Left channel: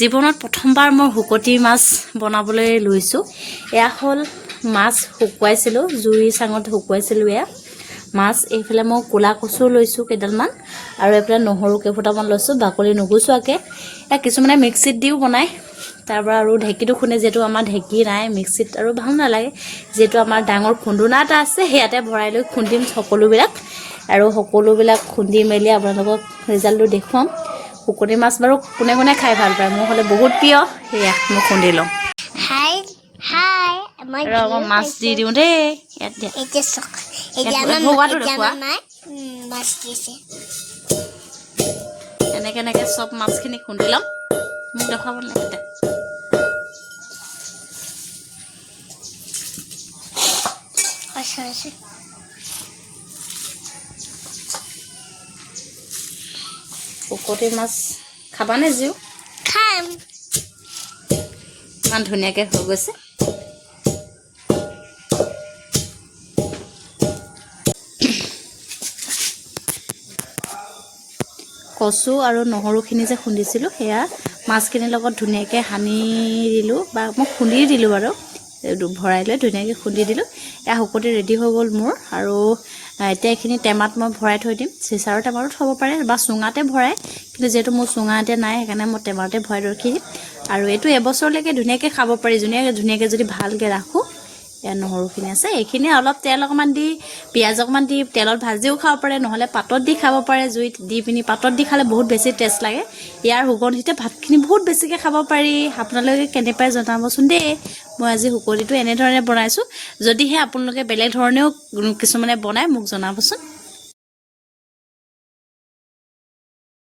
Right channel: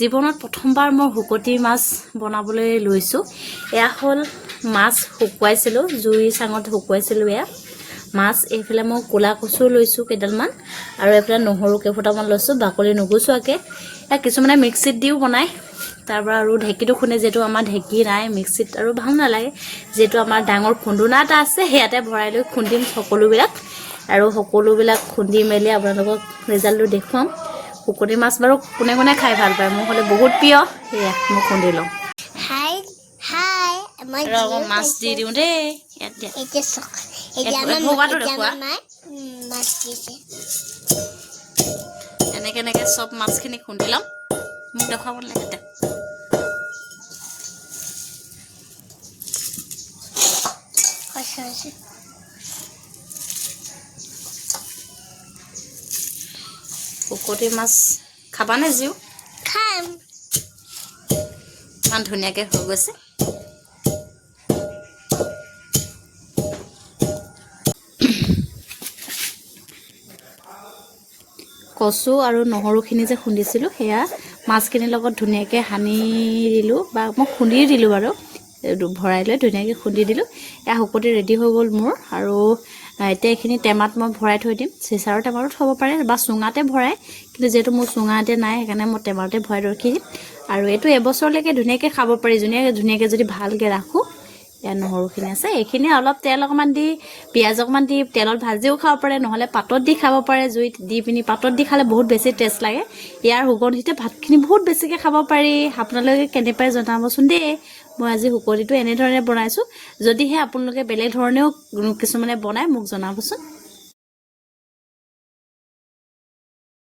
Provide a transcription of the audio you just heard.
জীৱনত প্ৰথমবাৰ মই শুকতি মাছ বনাবলৈ লৈছোঁ। এয়া হ'ল মাছ শুকুৱাইছিলোঁ, জুই চাঙত শুকুৱাইছিলোঁ। এয়া মাছ। এইফালে মই ক'লা কচু লৈছোঁ কেইডালমান, আৰু এইফালে নহৰু কেইফুটামান লৈছোঁ বাকলি নুগুচোৱাকৈ। এয়া কিছুমানে মিক্সিত দিও বনায়, তাৰপৰা আৰু ঢেঁকীটো খুন্দে। যিহেতু আমাৰ ঢেঁকী নাই মিক্সিত আৰু ভাল নালাগে, যিহেতু আমাৰ ডাঙৰ খুন্দুনা এটা আছে, সেয়াতে ভৰাই লৈ খুন্দিম সকলোবিলাক। আৰু সকলোবিলাক খুন্দি মেলি আপোনালোকক ৰিজাল্টটো দেখুৱাম। শুকতি মাছ বাৰু কোনে কোনে খাই ভাল পায়, মোৰ হ'লে বহুত প্ৰিয়। সেয়া মই খুন্দি লওঁ। মাছ দি দিওঁ দেই। এনেকৈ এনেকৈ চব মাছখিনি খুন্দি লওঁ। মোক দেখুৱাব লাগে। শুকতি মাছ খাবানে জিও? খাম। ইমান ধুনীয়াকৈ হৈ গৈছে। কচু আৰু নহৰুখিনি যে খুন্দিছিলোঁ, সেয়া মাছখিনিৰ লগত ধুনীয়াকৈ সানি দিলোঁ, বা মই খুন্দি দিলোঁ বাৰু, ভৰাই লৈ ধুনীয়াকৈ খুন্দি দিলোঁ। এয়া শুকতি ৰেডি হৈ গ'ল মোৰ। আৰু এতিয়া এইখিনি টেমাত মই ভৰাই থৈ দিম। চিচাৰৰ টেমাতো থ'ব পাৰে বা চুঙাতে ভৰাই, কিন্তু যিহেতু মোৰ চুঙা এতিয়া নাই, সেইকাৰণে মই টেমাতে ভৰাই ৰখি দিম। আৰু এইটো এবছৰলৈকে ধুনীয়াকৈ খাব পাৰি, ধুনীয়াকৈ যদি ভালকৈ ৰাখোঁ। এয়া নহৰুখিনি আছে, এইখিনি অলপ তেল অকণমান দি, পিঁয়াজ অকণমান দি তেলত ভাজিও খাব পাৰে, নহ'লে পাতত দি খাব পাৰে। জুইত দি পিনি পাতত দি খালে বহুত বেছি টেষ্ট লাগে। ইয়াৰ সুগন্ধিতে ভাতখিনি বহুত বেছিকৈ খাব পাৰি। আপোনালোকে কেনে পায় জনাবচোন দেই। মই আজি শুকতিটো এনেধৰণে বনাইছোঁ। যদিহে আপোনালোকে বেলেগ ধৰণেও কিছুমানে বনায়, মোক জনাবচোন।